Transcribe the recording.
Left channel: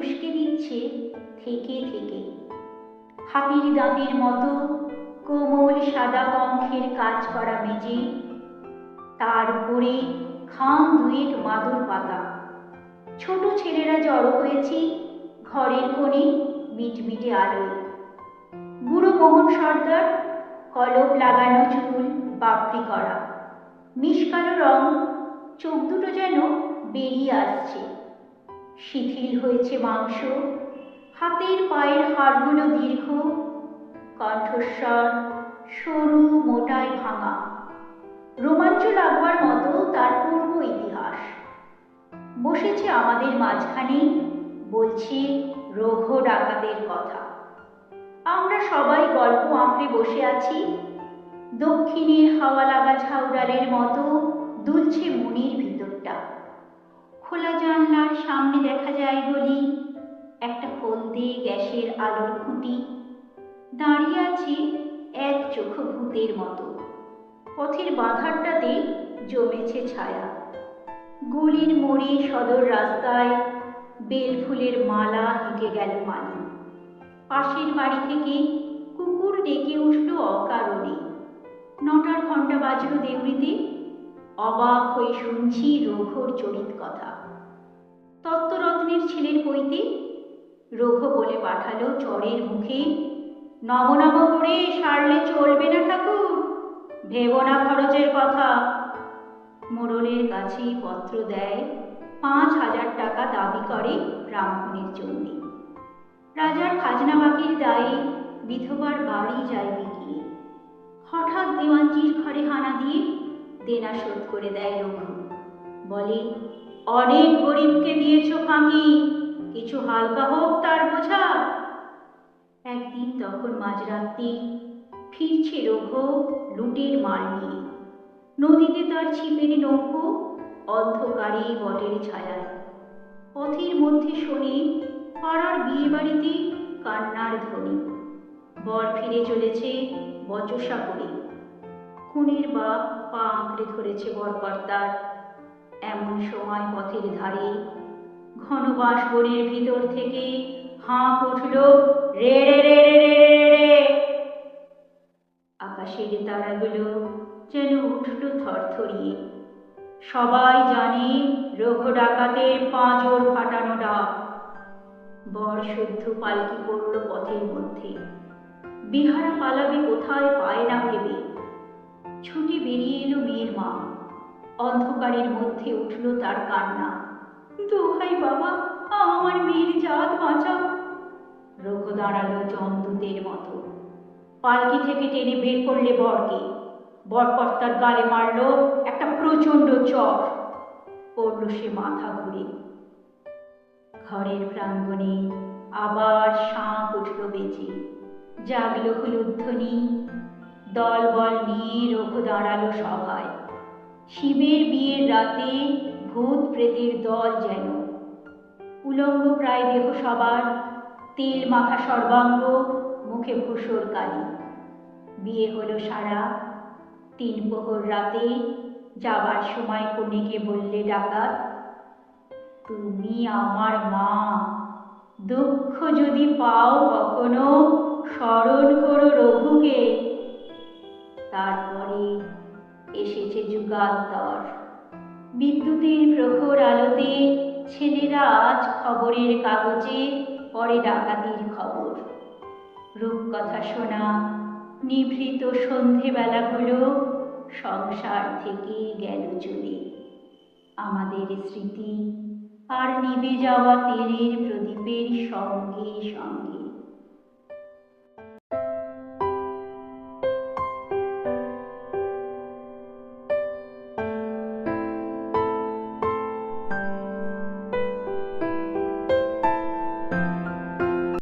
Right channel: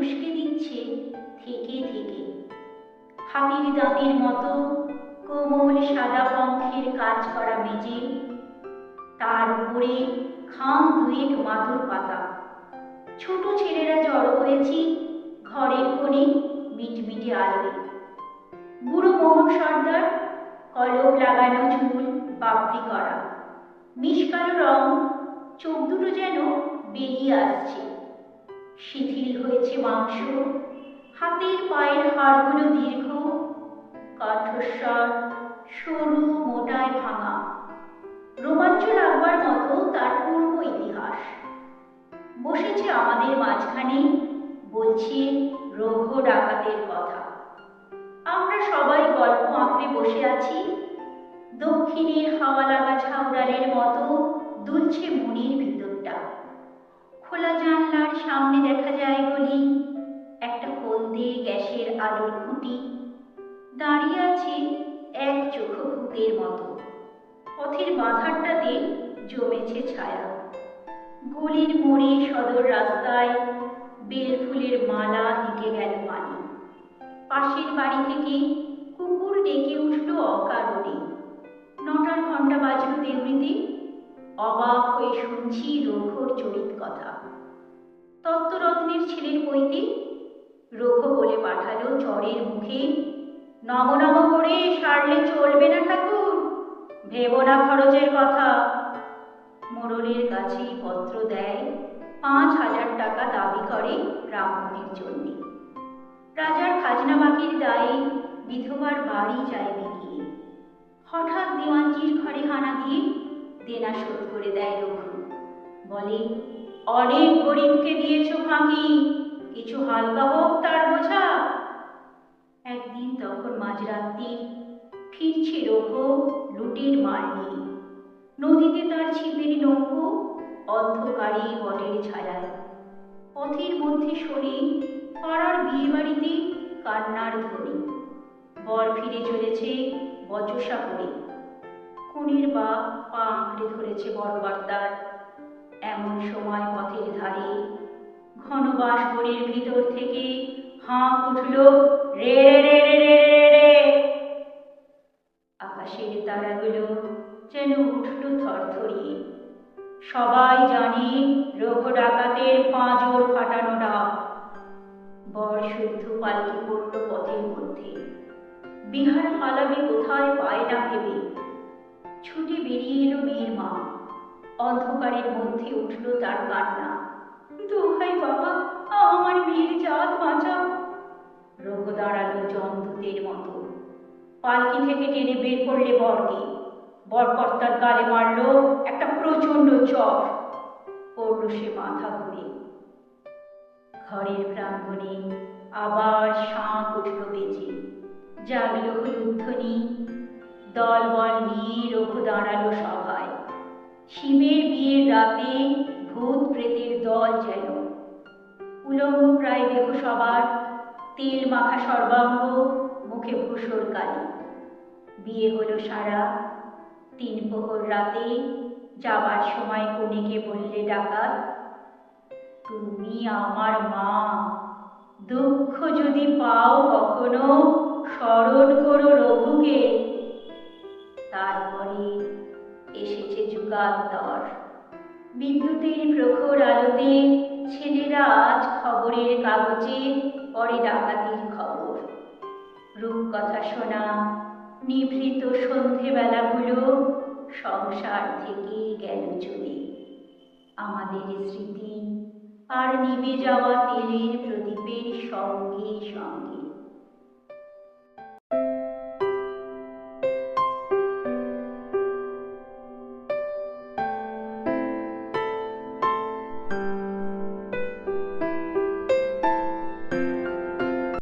উস্কে দিচ্ছে থেকে থেকে। হাতির দাঁতের মতো কোমল সাদা পঙ্খের কাজ করা মেঝে, তার উপরে খাম দুয়েক মাদুর পাতা। ছোট ছেলেরা জড়ো হয়েছি ঘরের কোণে মিটমিটে আলোয়। বুড়ো মোহন সর্দার, কলপ লাগানো চুল বাপড়ি করা, মিশকানো রং, চোখ দুটো যেন বেরিয়ে আসছে। শিথিল হয়েছে মাংস, হাতের পায়ের হাড়গুলো দীর্ঘ, কণ্ঠস্বর সরু মোটায় ভাঙা। রোমাঞ্চ লাগবার মতো তার পূর্ব ইতিহাস। বসেছে আমাদের মাঝখানে, বলছে রঘ ডাকাতের কথা। আমরা সবাই গল্প আঁকড়ে বসে আছি। দক্ষিণের হাওয়া লাগা ঝাউডালের মতো দুলছে মনের ভিতরটা। খোলা জানলার সামনে দেখা যায় বলি একটা হলদে গ্যাসের আলোর খুঁটি। দাঁড়িয়ে আছে এক চোখ ভূতের মতো। পথের বাঁধারটাতে জমেছে ছায়া। গলির মোড়ে সদর রাস্তায় বেল ফুলের মালা হেঁটে গেল মালি। পাশের বাড়ি থেকে কুকুর ডেকে উঠল অকারণে। 9টার ঘণ্টা বাজল দেউড়িতে। অবাক হয়ে শুনছি রঘুর চরিত কথা। তত্ত্বরত্নের ছেলের পৈতে রঘু বলে পাঠালো চরের মুখে, নম নম করে সারলে চলবে না ঠাকুর, ভেবো না খরচের কথা। মোড়লের কাছে পত্র দেয়, 5,000 টাকা দাবি করে রামধনের জন্য। রাজার খাজনা বাকির দায়ে বিধবার বাড়ি যায় বিকিয়ে। হঠাৎ দেওয়ানজির ঘরে হানা দিয়ে দেনা শোধ করে দেয় রঘু। বলে, অনেক গরিবকে দিয়েছ ফাঁকি, কিছু হালকা হোক তার বোঝা। একদিন তখন মাঝরাত্রি ফিরছে রঘু লুটের মাল নিয়ে। নদীতে তার ছিপের নৌকো, অন্ধকারে বটের ছায়া। পথের মধ্যে শোনে পাড়ার বিয়ে বাড়িতে কান্নার ধ্বনি। বর ফিরে চলেছে বচসা করে। খুনের বাপ পা আঁকড়ে ধরেছে বরকর্তার। এমন সময় পথের ধারে ঘন বাঁশ বনের ভিতর থেকে হাঁক উঠল, রে রে রে রে রে। আকাশের তারাগুলো যেন উঠল থরথরিয়ে। সবাই জানে রঘু ডাকাতের পাঁজর ফাটানো ডাক। বর সদ্য পালকি পড়ল পথের মধ্যে। বিহারা পালাবে কোথায় পায় না ভেবে। ছুটে বেরিয়ে এলো মেয়ের মা। অন্ধকারের মধ্যে উঠল তার কান্না, দোহাই বাবা, আমার মেয়ের জাত বাঁচাও। রঘু দাঁড়ালো জমদূতের মতো। পালকি থেকে টেনে বের করলে বরকে। বরকর্তার গালে মারল একটা প্রচণ্ড চর। পড়ল সে মাথা ঘুরে। ঘরের প্রাঙ্গণে আবার শাঁখ উঠল বেজে। জাগল হলুধ্বনি। দল বল নিয়ে রঘু দাঁড়ালো সভায়। শিবের বিয়ের রাতে ভূত প্রেতের দল যেন। উলঙ্গ প্রায় দেহ সবার, তেল মাখা সর্বাঙ্গ, মুখে ভূষর কালি। বিয়ে হলো সারা। 3 প্রহর রাতে যাবার সময় কনেকে বললে ডাকাত, তুমি আমার মা, দুঃখ যদি পাও কখনো স্মরণ করো রঘুকে। তারপরে এসেছে যুগান্তর। বিদ্যুতের প্রখর আলোতে ছেলেরা আজ খবরের কাগজে পড়ে ডাকাতির খবর। রূপকথা শোনা নিভৃত সন্ধেবেলাগুলো সংসার থেকে গেল চলে। আমাদের স্মৃতি আর নিভে যাওয়া তেলের প্রদীপের সঙ্গে সঙ্গে।